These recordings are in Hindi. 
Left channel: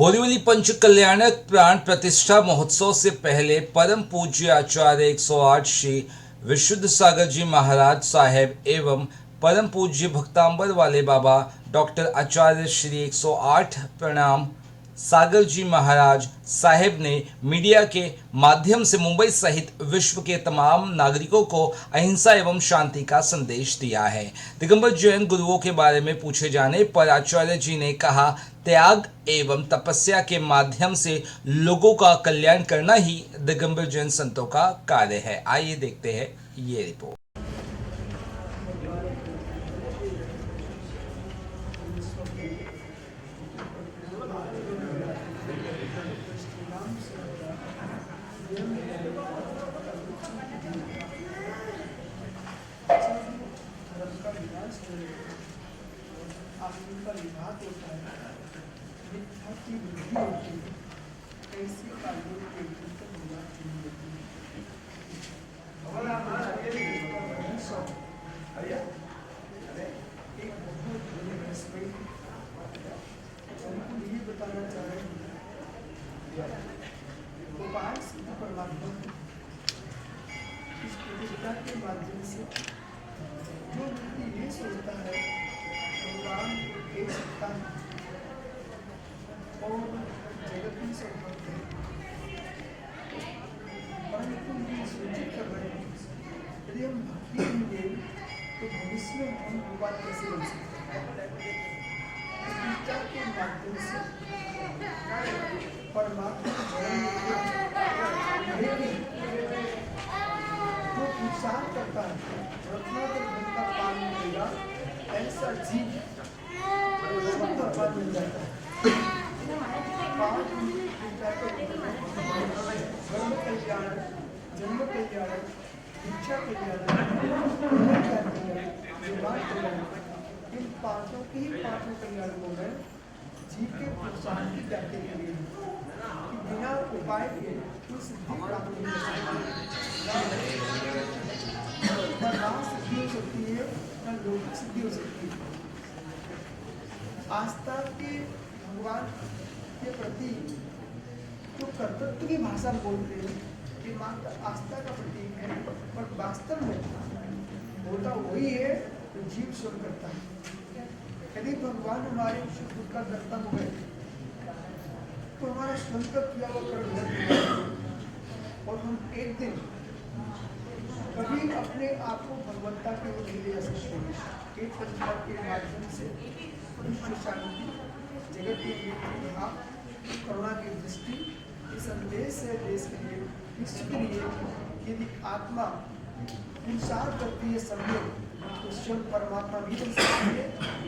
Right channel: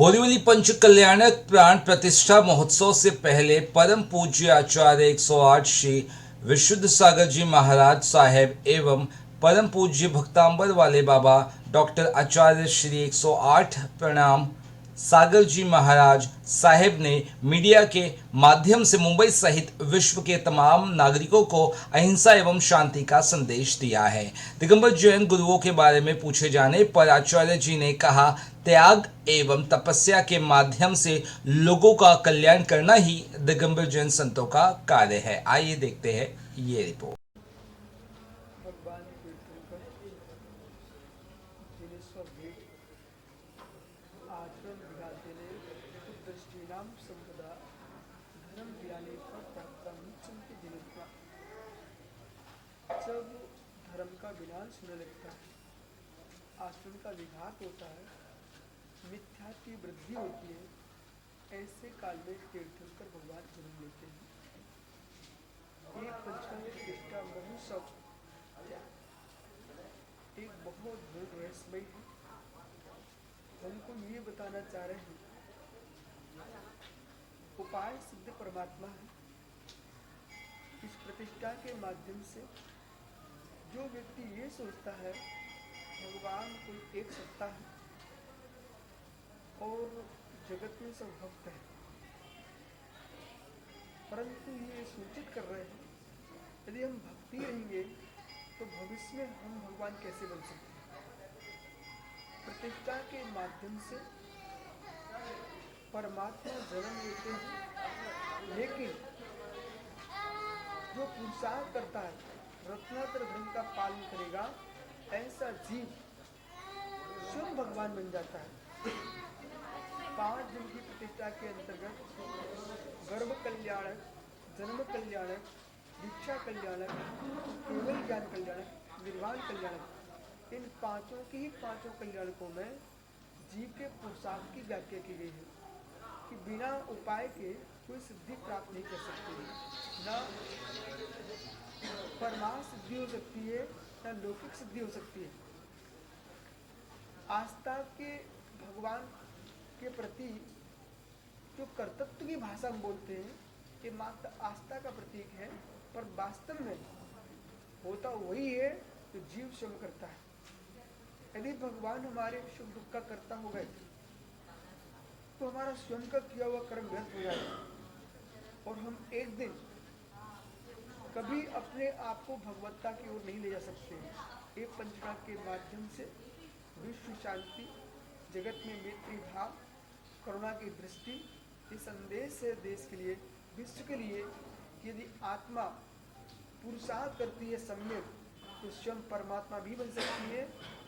बोरीवली पंच कल्याणक प्राण प्रतिष्ठा महोत्सव से पहले परम पूज्य आचार्य 108 श्री विशुद्ध सागर जी महाराज साहेब एवं परम पूज्य भक्तांबर वाले बाबा डॉक्टर आचार्य श्री 108 प्रणाम सागर जी महाराज साहेब ने मीडिया के माध्यम से मुंबई सहित विश्व के तमाम नागरिकों को अहिंसा एवं शांति का संदेश दिया है। दिगंबर जैन गुरुओं के बारे में पूछे जाने पर आचार्य जी ने कहा, त्याग एवं तपस्या के माध्यम से लोगों का कल्याण करना ही दिगंबर जैन संतों का कार्य है। आइए देखते हैं ये रिपोर्ट। के माध्यम से जो व्यक्ति ये सोचता है भगवान एक सत्ता और जगत में सर्वव्यापी है, परंतु ये सूचित कर रहे हैं यदि हम भक्ति करेंगे तो भविष्य में हम भगवान कैसे बन सकते हैं। प्रतिष्ठा के माध्यम से परमात्मा को जन्म देते लेकिन पुरुषार्थ करता है रत्नाकर धन का पान मिलेगा ऐसा जीव बन जाता है। धर्म कल्याण, जन्म कल्याण, शिक्षा कल्याण, इन पांचों की पांचों कल्याणों में जीव के पुरुषार्थ की व्याप्ति के लिए कि बिना उपाय के कोई सिद्धि प्राप्त नहीं हो सकती, न राम सिद्धि हो सकती है न लौकिक सिद्धि हो सकती है। आस्था के भगवान के प्रति तो कर्तव्य की भाषा बोलते हैं कि मात्र आस्था का प्रतीक है और वास्तव में होता वही है तो जीव स्वयं करता है। यदि भगवान हमारे सुख दुख का कर्ता हो गए तो हमारा स्वयं का किया हुआ कर्म व्यर्थ हो जाएगा और हम एक दिन कभी अपने आप को भगवत्ता की ओर नहीं ले जा सकते। एक संस्कार के माध्यम से विश्व शांति, जगत के भाव, करुणा की दृष्टि, इस संदेश से देश के लिए, विश्व के लिए यदि आत्मा पुरुषार्थ करती है सम्यक तो स्वयं परमात्मा भी बन सकती है।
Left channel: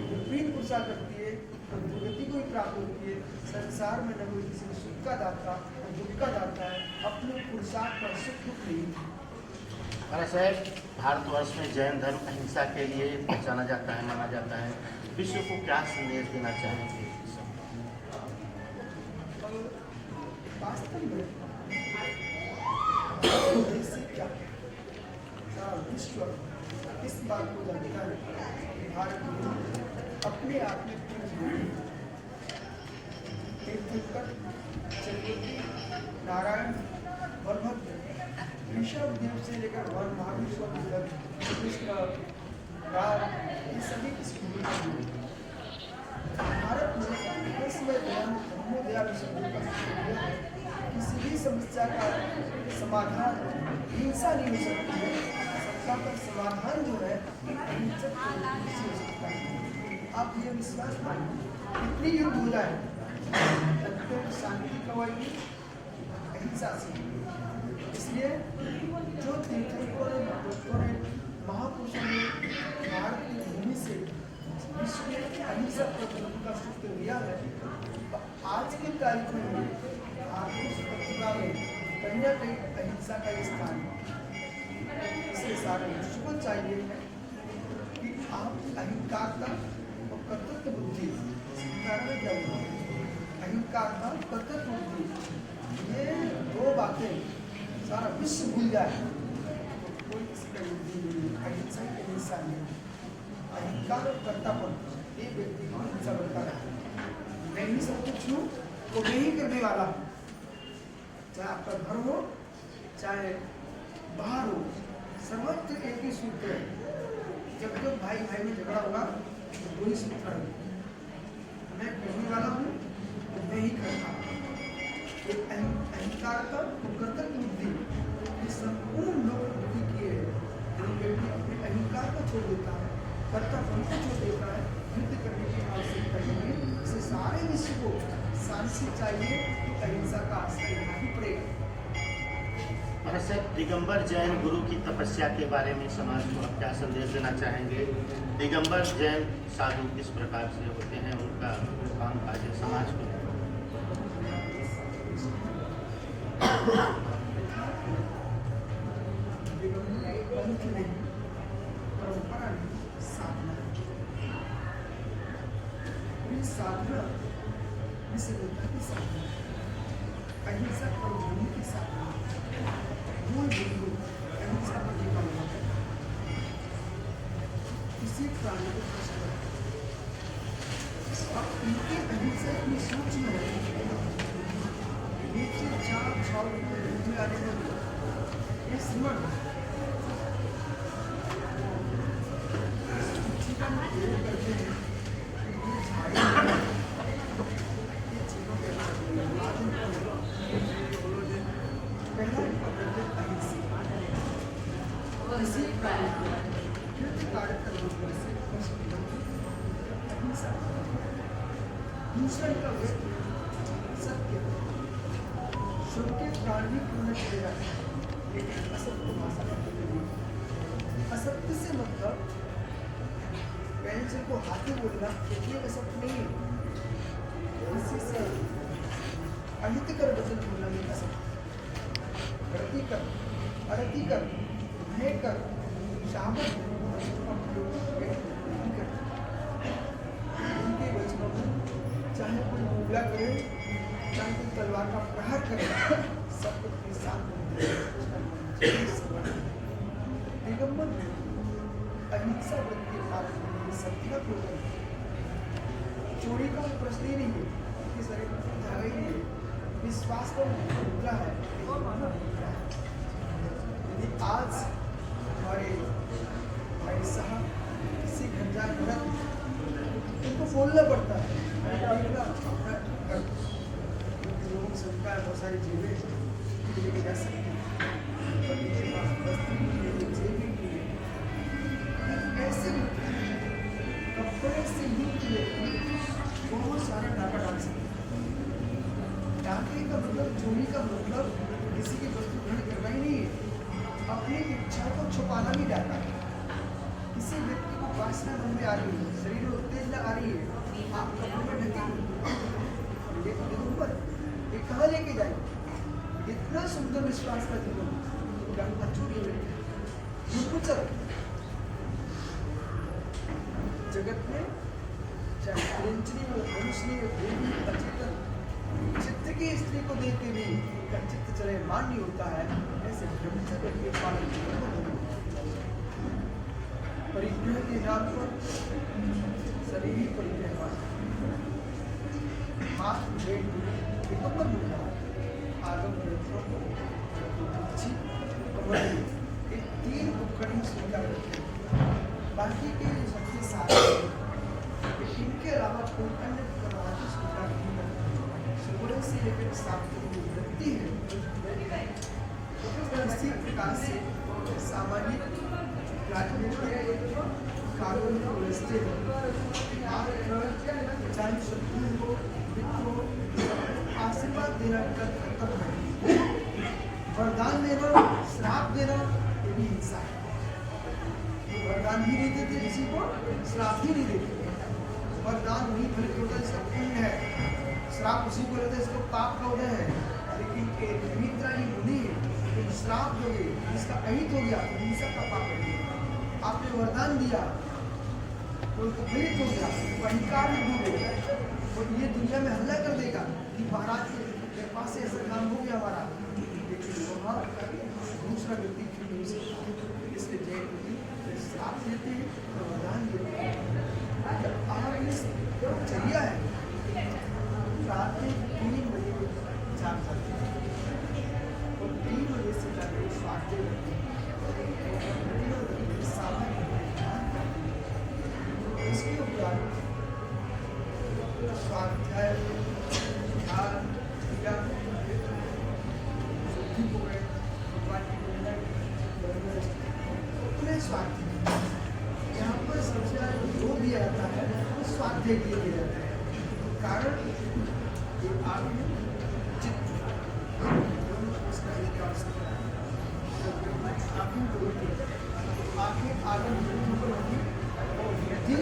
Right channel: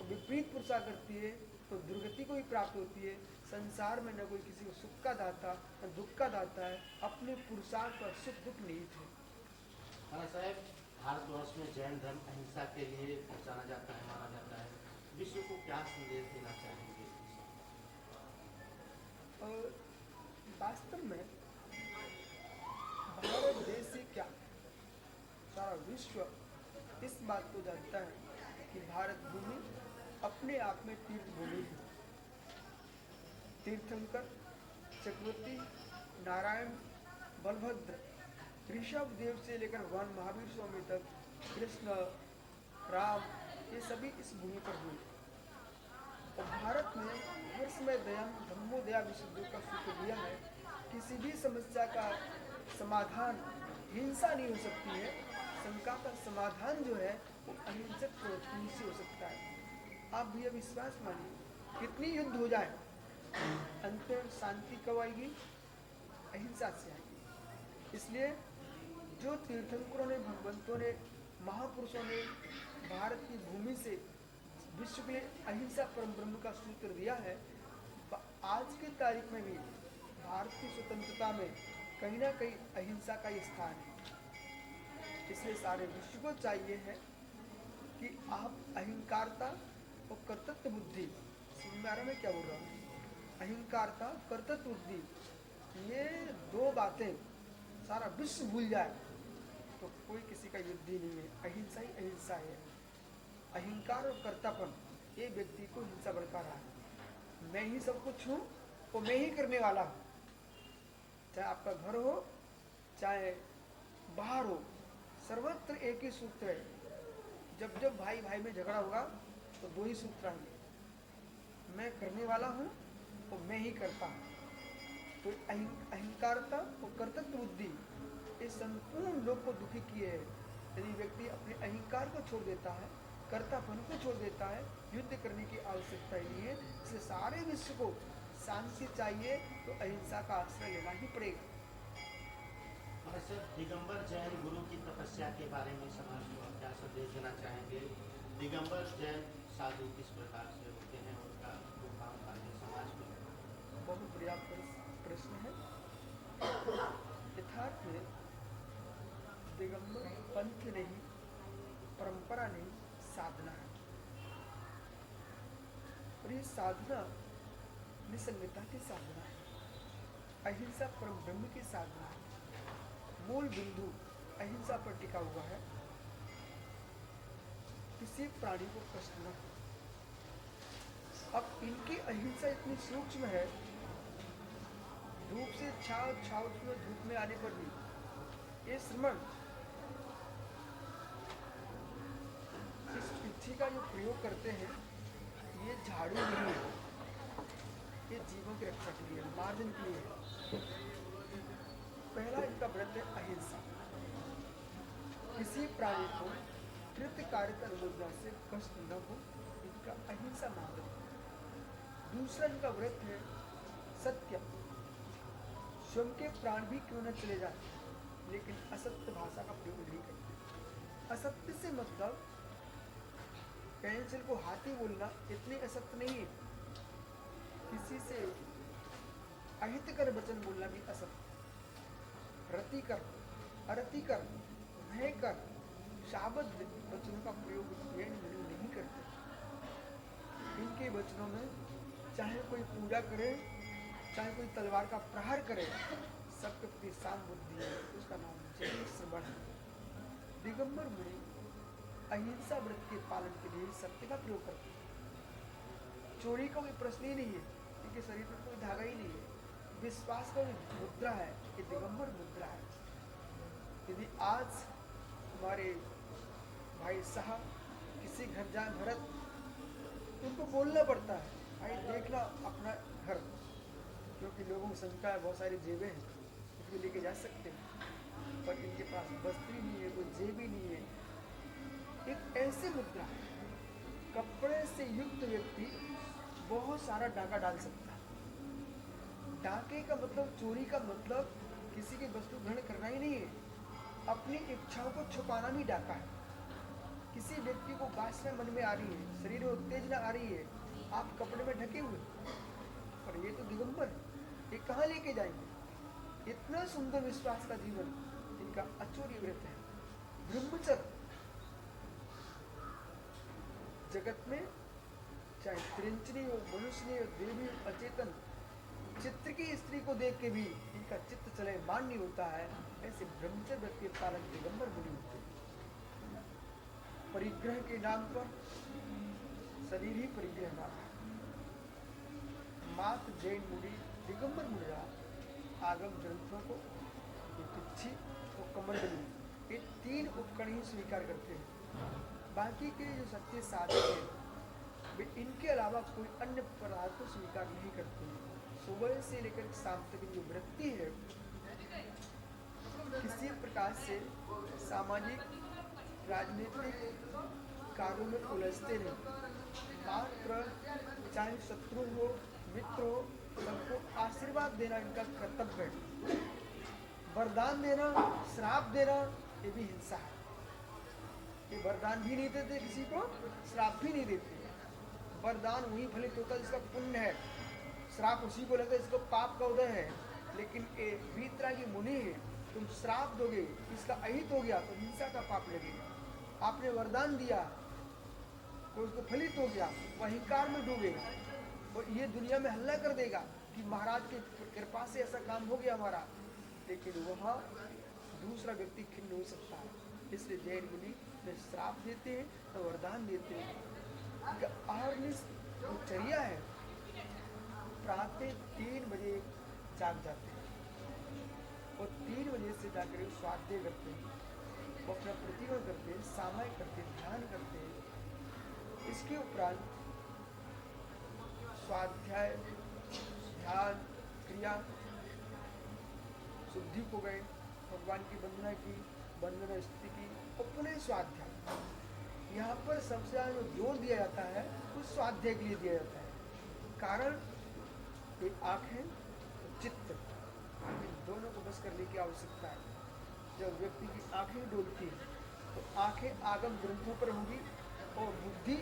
विपरीत पुरुषार्थ करती है तो दुर्गति को ही प्राप्त होती है। संसार में न कोई किसी को सुख का दाता न दुख का दाता है, अपने पुरुषार्थ पर सुख दुख नहीं। महाराज साहब, भारतवर्ष में जैन धर्म अहिंसा के लिए पहचाना जाता है, माना जाता है। विश्व को क्या संदेश देना चाहेंगे? वास्तव में देश से क्या सारा विश्व इस बात को जानता है कि भारत अपने आप में तीर्थंकर, चंद्रवती, नारायण, बलभद्र, ऋषभ देव से लेकर वन महाविश्व तक कृष्ण, राम, ये सभी इस भूमि पर हुए। भारत में इसमें दया विषय का किसी भी समस्या का समाधान हिंसा नहीं हो सकती है। सबका पर समाधान जो है एक अहिंसक तरीके से हो सकता है। आप ये विश्वास मानिए कितनी युद्ध हो जाए अंतिम शांति कवाई अहिंसा से। इसलिए जो तीर्थंकरों ने, भगवतों ने, महापुरुषों ने भारत की भूमि से विश्व में अहिंसा प्रबंधन का सूत्र दिया है, आज की तारीख में भारतीय प्रतिभा में कहीं ना कहीं अहिंसा का स्थान है। इसलिए सारे विश्व को चाहिए कि आप अहिंकारता और कर्तव्य बुद्धि, कारण में क्या हुआ अहिंकारता कर्तव्य बुद्धि, ये दो बातें सारा विश्व भूल जाए तो कोई किसी का युद्धि नहीं, अहिंसा के इंसान नहीं। अहिंकार और कर्तापन ये व्यक्ति को हिंसा बनता रहा। मैं ही सब कुछ हूँ वो मैं ही करने वाला हूँ। चाहे आपका घर हो चाहे बाहर हो, सर्वत्र एक ही सूत्र है। जब जब भाई भाई में झगड़ा होगा तो दो ही सूत्र है, मैं करने वाला हूँ और मैं ही करता हूँ। ये अहंकार का कर्तव्य बुद्धि ये संपूर्ण लोग बुद्धि किए हैं। यदि व्यक्ति अपने अहंकार को छोड़ देता है, कर्तव्य को छोड़ देता है, युद्ध करने की आवश्यकता नहीं है। इसे सारे विश्व को शांति चाहिए तो अहिंसा का आश्रय लेना ही पड़ेगा। और सर, दिगंबर जैन गुरु की तपस्या के बारे में समाज को आप क्या संदेश देना चाहेंगे? दिगंबर जैन साधु किस प्रकार से होते हैं, उनका काम काज समाज को? दिगंबर पंथ नहीं, परंपरा नहीं, साधना है। ये साधना निसर्गता की साधना है, अहिंसा और धर्म की साधना है। मूल बिंदु अहिंसा पर टिका हुआ है। किसी प्राणी को कष्ट न अब इनकी अहिंसा इतनी सूक्ष्म है, नीचे चार छाव में आने में ये स्मरण का प्रयोग करते हैं कि ये झाड़ी ये चीजों के पहला इनका प्रत्येक अहिंसा किसी प्राणी को युद्ध कार्य का रूप से अहिंसा। दूसरा इनका व्यक्ति सत्य, शुभ के प्राण भी पूर्ण चलेगा, लेकिन असत्य भाषा का नहीं। असत्य से मतलब पेंसिल को हाथी बोलना इसलिए असत्य नहीं है। किसी से अहितकर वचन बोलना भी असत्य। रति कर, अरति कर, भय कर, शामत का प्रयोग नहीं करते। उनके वचनों में चाहे कोई हमला करे, चाहे कोई तलवार का प्रहार करे, सब अपने साथ दिगंबर में अहिंसा व्रत के पालन में सत्य का प्रयोग है। चोरी का वो प्रश्न ही नहीं है, इसके शरीर में कोई धागा ही नहीं है। विश्वास का वो मुद्रा है, वो माना मुद्रा है। यदि आज हमारे भाई साहब किसी घर जाए भरत उनको बोलना पड़ता है, देखना अपना घर लोगों को सुनता है, बहुत सारी जेबें लेके जा सकते हैं, और इनके पास वस्तु भी नहीं है, जेब भी नहीं है। ऐसे कपड़े से युक्त व्यक्ति बहुत सारा डाका डाल सकते हैं। डाके का मतलब, चोरी का मतलब किसी की वस्तु ग्रहण करना ही नहीं है, अपनी इच्छा को छुपाना भी डाका है। किसी व्यक्ति को वासना मन में आ रही है, शरीर में उत्तेजना आ रही है, आप कपड़े में ढके और ये तो निरूपण ये कहाँ लेके जाएंगे? इतना सुंदर विश्वास का जीवन जगत में चाहे प्रिंचनी हो, मनुष्य हो, देवी, अचेतन चित्त की स्त्री को देख के भी उनका चित्त चले मान्य होता है। ऐसे ब्रह्मचर्य के पालन परिग्रह के नाम पर शरीर ही परिग्रह हाथ भेंट दिगंबर मुद्रा आगम कमर ये तीन उपकरण स्वीकार करते हैं। बाकी के जो सबसे सारे इनके अलावा कोई अन्य पदार्थ स्वीकार नहीं करते। सुवर्ण से लेकर सात की जो वृत्ति है इसी प्रकार से सामान्य कानून को रचते हैं। चाहे शत्रु हो, मित्र हो, आशीर्वाद देना इनका कर्तव्य है। वरदान देना, श्राप देना ये भी हिंसा है। ये वरदान भी नहीं देते किसी को, श्राप भी नहीं देते। वरदान वही फलित होता है जिसका पुण्य है, श्राप उसी को लेता है जिसको पाप का उदय है। लेकिन एक वितरागी मुनि है, एक श्राप दोगे जिसका अहित हो गया, हिंसा का पाप कर दिया। आपने वरदान दिया वो तो फलित हो गया, वो अहंकार में डूब गया, वो ये दुनिया में हल्ला कर देगा कि महाराज के कृपा से ऐसा काम हो गया हमारा। लेकिन वहाँ दूसरा व्यक्ति इसलिए जय श्राप देते हैं, वरदान देते हैं। आप चर्या है, रात में स्वाध्याय, ध्यान, क्रिया, शुद्धि को गए, भगवान की वंदना, पूरे स्वाध्याय। यहाँ पर सबसे ज़्यादा जोर दिया जाता है स्वाध्याय के लिए दिया जाता है। कारण ये आत्म चित्त दोनों को इसका की आवश्यकता है। तो आँखें जो होती है, आँखें आगे ऊपर होगी और बुद्धि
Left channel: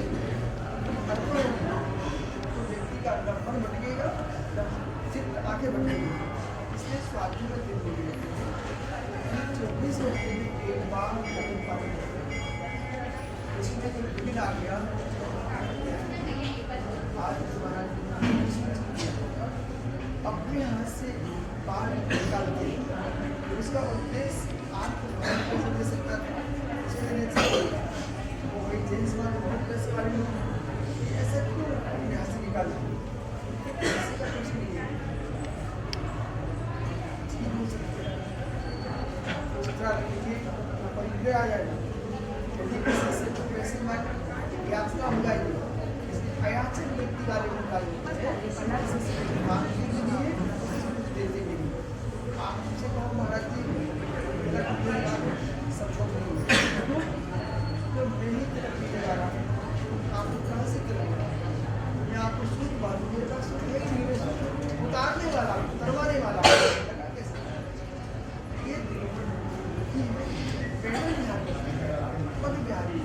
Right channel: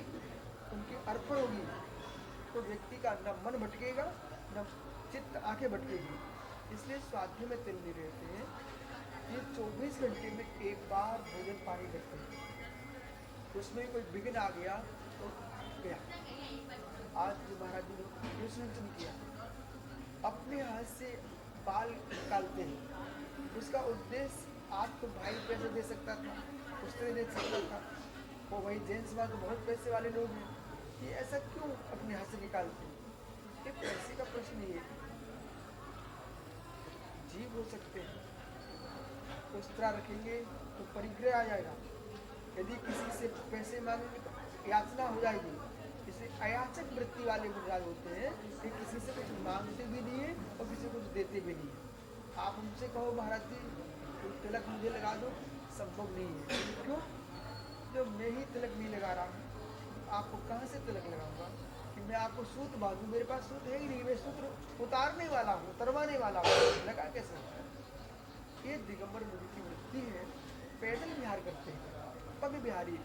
अर्पण होगी, तो व्यक्ति का मन भटकेगा, चित्त आगे भटकेगी। इसलिए स्वाध्याय में दिन दिए जाते हैं। 24 घंटे में एक बार पानी करते हैं। इसमें कोई विघ्न आ गया, आज महाराज अपने हाथ से बाल निकालते, उसका उद्देश्य आपको पैसा दे सकता था, उसके लिए वो वही जेंट्स वाले बहुत पैसे वाले लोग ऐसा क्यों अपने हाथ से निकालते, ऐसे का कुछ नहीं है। ठीक हो सकते हैं तो उतरा रखेंगे तो परिग्रह आ जाएगा। यदि किसी से तो पैसे मांग याचना हो जाएगी, इसलिए अयाचक व्यक्ति वाले को डालेंगे, मांगते भी नहीं है कुछ देते भी नहीं। आप मुझसे कहो महाराज जी मेरा कपड़ा लगा संभव नहीं है, तो मैं ही तेरा पीछे लगा रहा हूँ, आपको कहाँ से करूँगा? मैं आपको सूट बांधू, मेरे पास उतारने वाला उतरवाने वाला लगा कैसे? ये दिलों में पेड़ बिहार पद बिहारी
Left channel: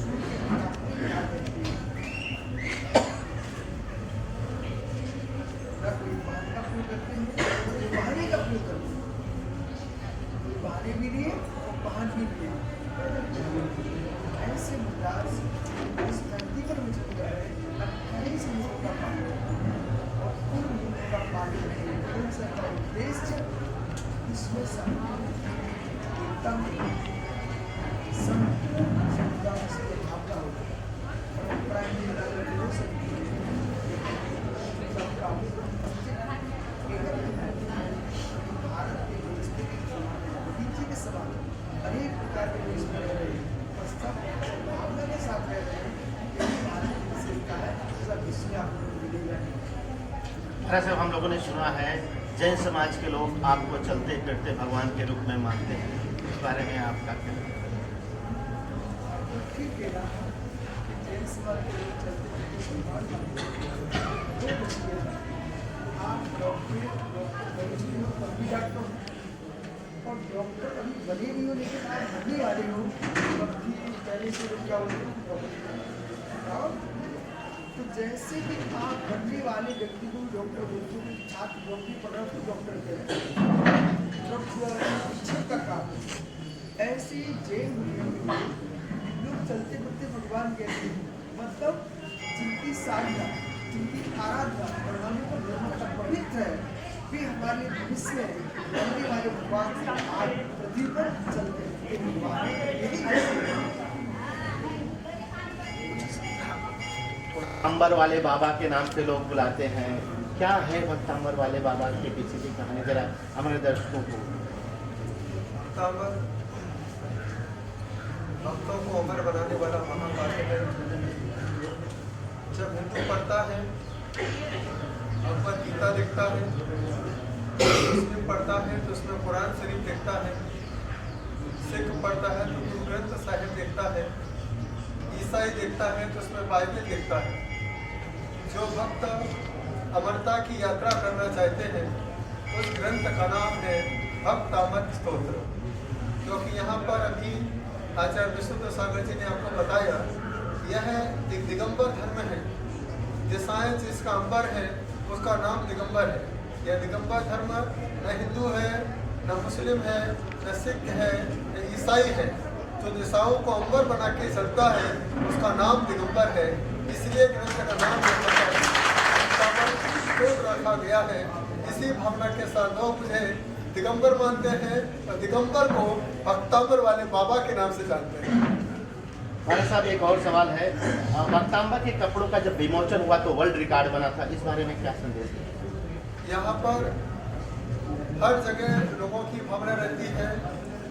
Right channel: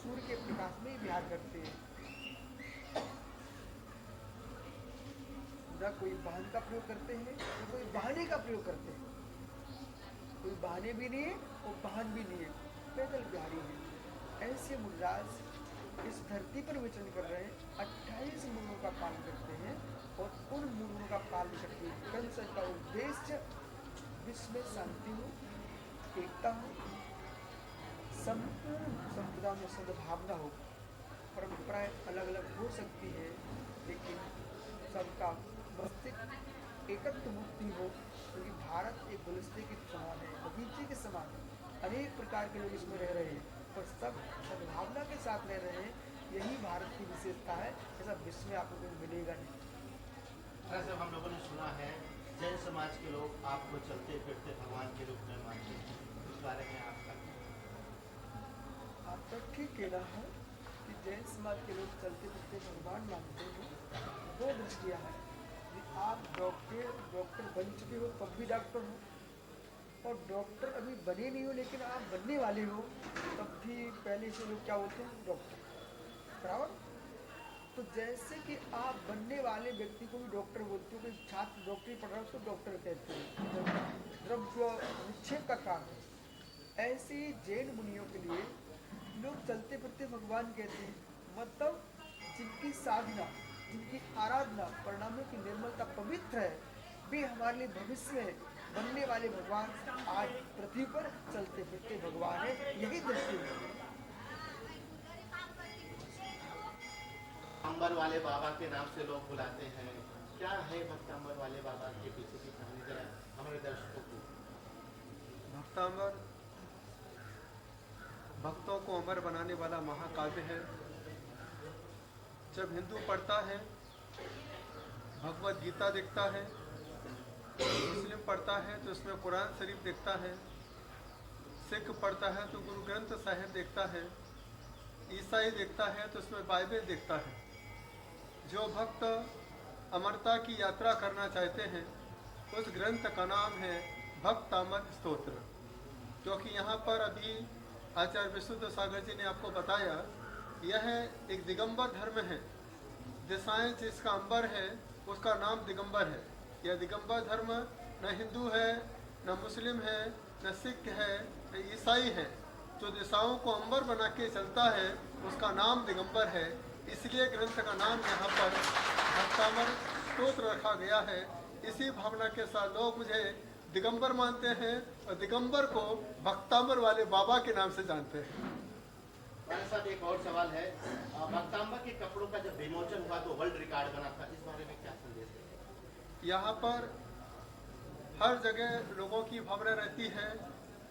सूट के बिहार करती है। कोई वाहन का प्रयोग करते हैं, कोई बहाने का प्रयोग करते हैं, कोई बहाने भी लिए और वाहन भी लिए। ऐसे मुद्रा इस धरती पर विचरण कर रहे 28 नियमों का पालन और उन नियमों का पालन का उद्देश्य इसमें एकदम समुदाय से भावना होती है। परंपराएं भी अलग अलग हो सकती है, भारत के बगीचे के समान अनेक प्रकार के देश में रहे भावना के साथ रहते हैं। भारत की विशेषता है, सब विश्व में आपको मिलेगा। दरअसल हम लोगों ने सुना है जैन समाज के लोग आपको चलते फिरते भगवान के रूप में मानते हैं, इस बारे में आपका क्या? ठीक कहना है कि जैन समाज के लोग चलते फिरते भगवान मानते हैं। आप डॉक्टर भी डॉक्टर हो और डॉक्टर अभी बने नहीं हो, लेकिन आप बनने वाले हो, तब भी पहले से क्या बोलते हैं डॉक्टर। तो जैसे कि आप बनने वाले व्यक्ति को डॉक्टर बोलते हैं, छात्र डॉक्टरी पढ़ रहा है तो डॉक्टर कहते हैं, तो शिक्षक का काम है। ऐसे जैन लोग चलते फिरते भगवान कहते हैं, मतलब जिनकी साधना, जिनकी आराधना प्रणाली पर निर्भरता पवित्र है, वे हमारे भविष्य में बनने वाले भगवान से आज पृथ्वी पर चलते हैं। भगवान यही कहते हैं। अंबर वाले बाबा के नाम से लोग बुलाते हैं, क्या है भक्तांबर वाले बाबा के पीछे की कहानी, जरा हमारे दर्शकों को। भक्तांबर भक्तों को अमर बनाने वाला महाकाव्य है। जब हिंदू पढ़ता है भगवद गीता देखता है, मुस्लिम पढ़ता है तो उसमें कुरान शरीफ देखता है, सिख पढ़ता है तो गुरु ग्रंथ साहिब देखता है, ईसाई देखता है तो उसमें बाइबल देखता है। जो भक्त अमरता की यात्रा करना चाहते हैं उस ग्रंथ का नाम है भक्तामर स्तोत्र, क्योंकि यहाँ पर अभी आचार्य विशुद्ध सागर जी ने आपको बताया यह एक दिगंबर धर्म है। दिशाएं जिसका अंबर है उसका नाम दिगंबर है। यह दिगंबर धर्म न हिंदू है, न मुस्लिम है, न सिख है, न ईसाई है। जो दिशाओं को अंबर बना के चलता है उसका नाम दिगंबर है। इसलिए ग्रंथ का नाम स्तोत्र रखा गया है। इसी भावना के साथ लोग मुझे दिगंबर मानते हैं और दिगंबर को भक्तांबर वाले बाबा के नाम से जानते हैं। भाई साहब एक और सवाल है, भक्तांबर के कपड़ों का जब विमोचन हुआ तो वर्ल्ड रिकॉर्ड बना था, इस बारे में क्या संदेश है? यहाँ पर हर जगह लोगों की भावना रहती है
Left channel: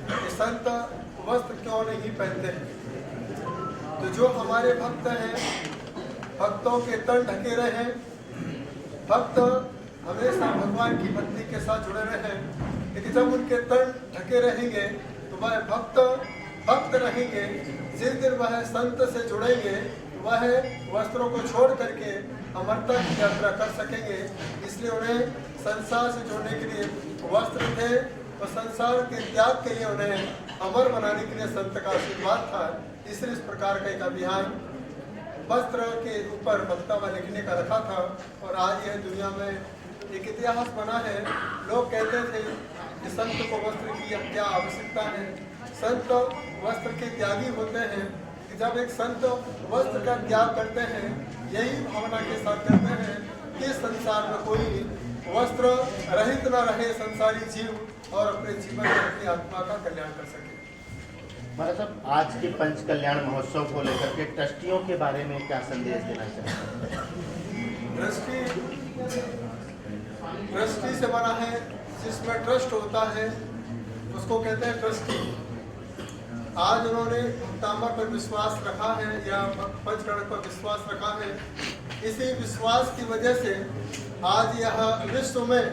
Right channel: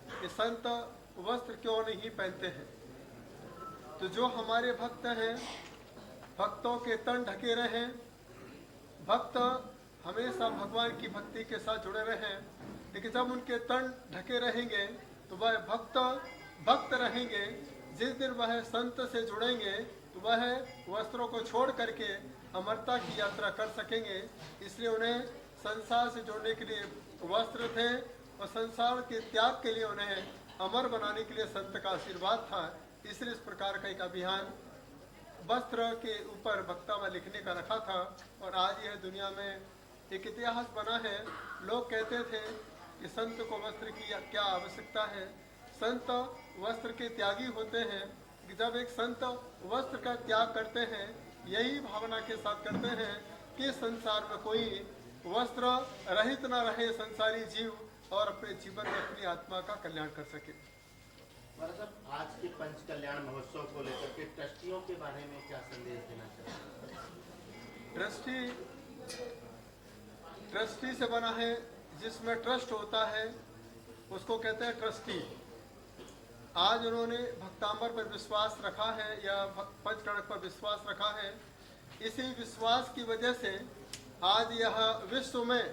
कि संत वस्त्र क्यों नहीं पहनते हैं। तो जो हमारे भक्त हैं भक्तों के तन ढके रहे, भक्त हमेशा भगवान की भक्ति के साथ जुड़े रहे। लेकिन जब उनके तन ढके रहेंगे तो वह भक्त रहेंगे। जिस दिन वह संत से जुड़ेंगे वह वस्त्रों को छोड़ करके अमरता की यात्रा कर सकेंगे। इसलिए उन्हें संसार से जोड़ने के लिए वस्त्र थे और संसार के त्याग के लिए उन्हें अमर बनाने के लिए संत का आशीर्वाद था। इसलिए इस प्रकार का एक अभियान वस्त्र के ऊपर वक्तव्य लिखने का रखा था और आज यह दुनिया में एक इतिहास बना है। लोग कहते थे कि संत को वस्त्र की क्या आवश्यकता है, संत वस्त्र के त्यागी होते हैं। कि जब एक संत वस्त्र का त्याग करते हैं, यही भावना के साथ करते हैं कि संसार में कोई वस्त्र रहित न रहे संसारी जीव और अपने जीवन में अपनी आत्मा का कल्याण कर सके। महाराज साहब, आज के पंच कल्याण महोत्सव को लेकर के ट्रस्टियों के बारे में क्या संदेश देना चाहते हैं? ट्रस्टी से बना है, जिसमें ट्रस्ट होता है उसको कहते हैं ट्रस्टी। आज उन्होंने भक्तामर पर विश्वास रखा है या पंचकणक पर विश्वास रखा है। इसी विश्वास की वजह से आज यह विश्व में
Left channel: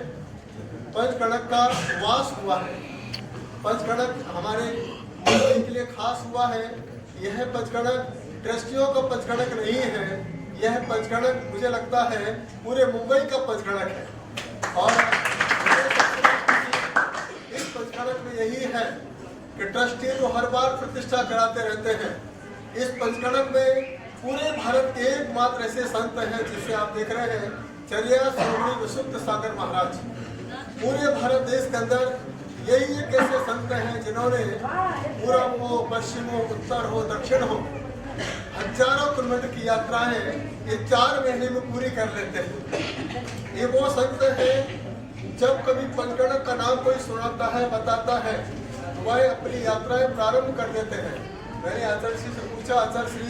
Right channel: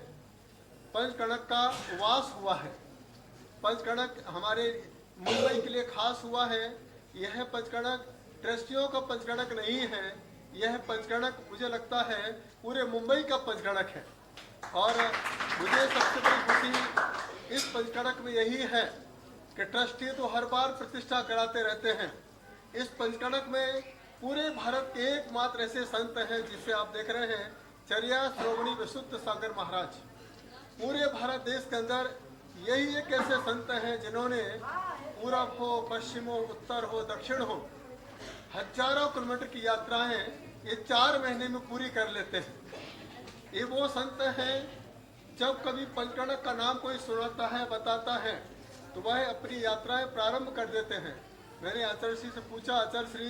पंचकणक का वास हुआ है। पंचकणक हमारे मुंबई के लिए खास हुआ है। यह पंचकणक ट्रस्टियों का पंचकणक नहीं है, यह पंचकणक मुझे लगता है पूरे मुंबई का पंचकणक है। और मुझे सबसे बड़ी खुशी इस पंचकणक में यही है कि ट्रस्टी तो हर बार प्रतिष्ठा कराते रहते हैं। इस पंचकणक में पूरे भारत के एकमात्र ऐसे संत हैं जिसे आप देख रहे हैं, चर्या शिरोमणि विशुद्ध सागर महाराज। पूरे भारत देश के अंदर यही एक ऐसे संत हैं जिन्होंने पूर्व हो, पश्चिम हो, उत्तर हो, दक्षिण हो, हजारों किलोमीटर की यात्राएं ये 4 महीने में पूरी कर लेते हैं। ये वो संत हैं, जब कभी पंचकणक का नाम कोई सुनाता है, बताता है, तो वह अपनी यात्राएं प्रारंभ कर देते हैं। मैंने आचार्य श्री से पूछा, आचार्य श्री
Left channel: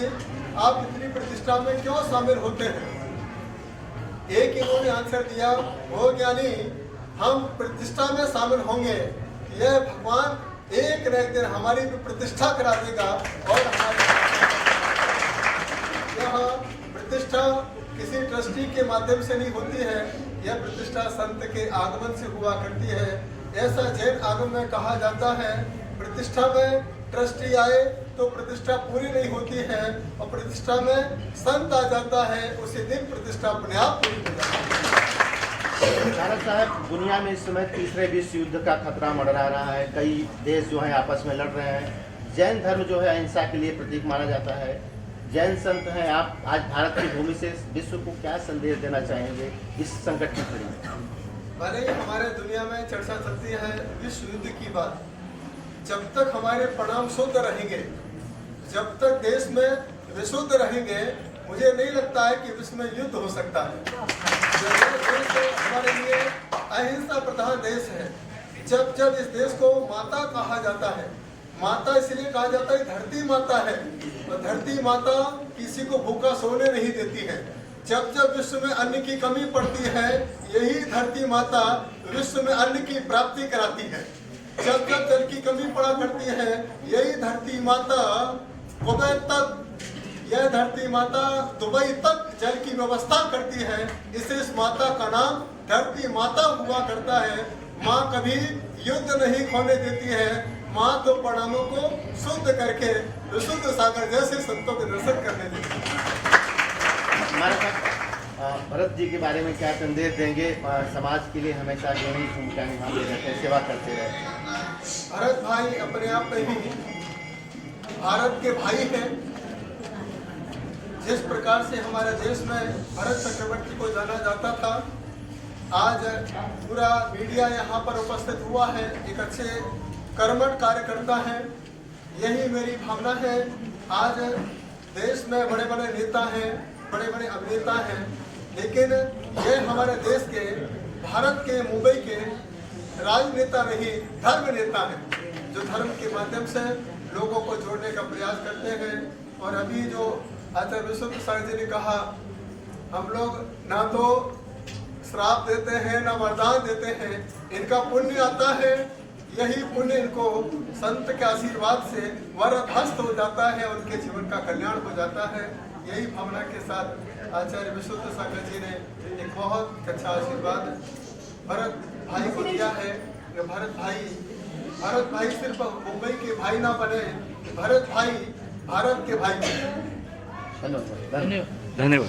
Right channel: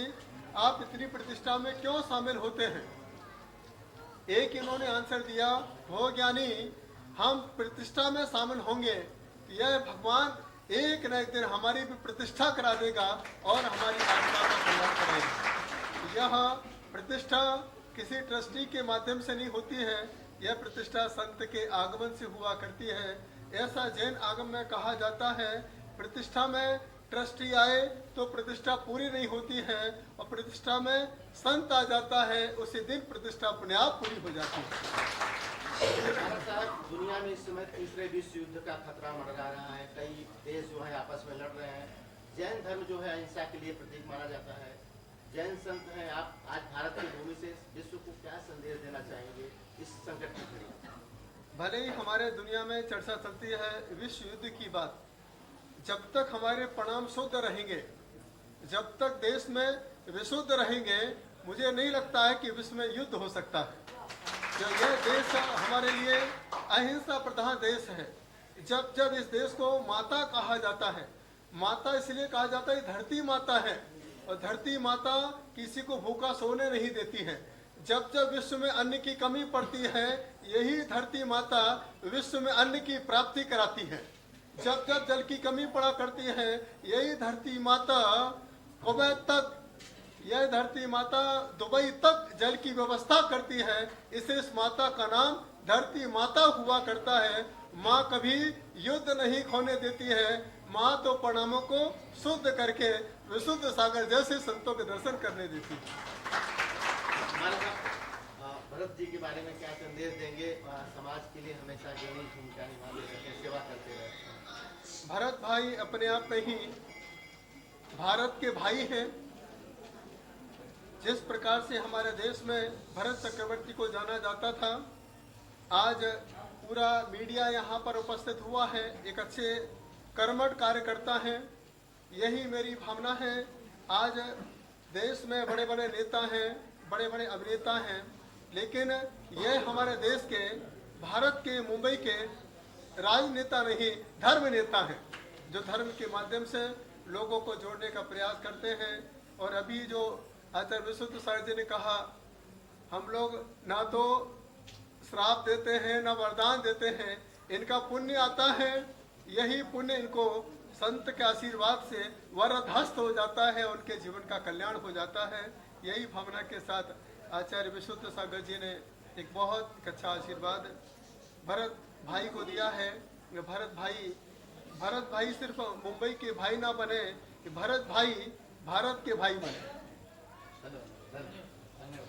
आप इतनी प्रतिष्ठा में क्यों शामिल होते हैं? एक इन्होंने आंसर दिया, हो ज्ञानी हम प्रतिष्ठा में शामिल होंगे, यह भगवान एक न एक दिन हमारी भी प्रतिष्ठा करा देगा और हमारी यह प्रतिष्ठा किसी ट्रस्टी के माध्यम से नहीं होती है, यह प्रतिष्ठा संत के आगमन से हुआ करती है। ऐसा जैन आगम में कहा जाता है, प्रतिष्ठा में ट्रस्टी आए तो प्रतिष्ठा पूरी नहीं होती है और प्रतिष्ठा में संत आ जाता है, उसी दिन प्रतिष्ठा अपने आप पूरी हो जाती है। महाराज साहब, दुनिया में इस समय तीसरे विश्व युद्ध का खतरा मंडरा रहा है। कई देश जो हैं आपस में लड़ रहे हैं। जैन धर्म जो है अहिंसा के लिए प्रतीक माना जाता है। जैन संत हैं आप, आज भारत की भूमि से विश्व को क्या संदेश देना चाहेंगे इस संकट की घड़ी में? अरे हमारे दुनिया में चर्चा चलती है विश्व युद्ध की बात। जब तक हमारे परिणाम शुद्ध रहेंगे, जब तक देश में विशुद्ध रहेंगे, मुझे नहीं लगता है कि विश्व में युद्ध हो सकता है। देश हमारे लिए अहिंसा प्रधान देश है। जब जब इस देश को माता कहा जाता है, माता इसलिए कहा जाता है धरती माता है, और धरती माता किसी को भूखा सोने नहीं देती है। जब जब विश्व में अन्न की कमी पड़ती है, यही धरती माता विश्व में अन्न की प्राप्ति कराती है। जब जब जल की कमी पड़ा करती है, यही धरती माता कुवैत तक, यह धरती माता दुबई तक जल की व्यवस्था करती है। इसलिए इस माता का नाम धरती माता हुआ करता है। माँ कभी युद्ध नहीं खोने देती है, माँ तो परिणामों को शुद्ध करके विशुद्ध सागर जैसे संतों के दर्शन करने देती है। भरत जी के बारे में क्या संदेश देंगे? समाज के लिए हमेशा जो ही भूमिका निभाते रहते हैं, सेवा करते रहते हैं। भरत भाई अपने आप में ही भारत के भाई हैं। जिस प्रकार से हमारे देश में भरत चक्रवर्ती को जाना जाता था, आज पूरा मीडिया यहाँ पर उपस्थित हुआ है, एक अच्छे कर्मठ कार्यकर्ता हैं। यही मेरी भावना है। आज देश में बड़े बड़े नेता हैं, बड़े बड़े अभिनेता हैं, लेकिन ये हमारे देश के, भारत के, मुंबई के राजनेता नहीं, धर्म नेता हैं, जो धर्म के माध्यम से लोगों को जोड़ने का प्रयास करते हैं। और अभी जो आचार्य विशुद्ध सागर जी ने कहा, हम लोग ना तो श्राप देते हैं ना वरदान देते हैं, इनका पुण्य आता है यही पुण्य इनको संत के आशीर्वाद से वरदहस्त हो जाता है, उनके जीवन का कल्याण हो जाता है। यही भावना के साथ आचार्य विशुद्ध सागर जी ने एक बहुत अच्छा आशीर्वाद भरत भाई को दिया है। भरत भाई सिर्फ मुंबई के भाई ना बने, भरत भाई भारत के भाई बने। धन्यवाद।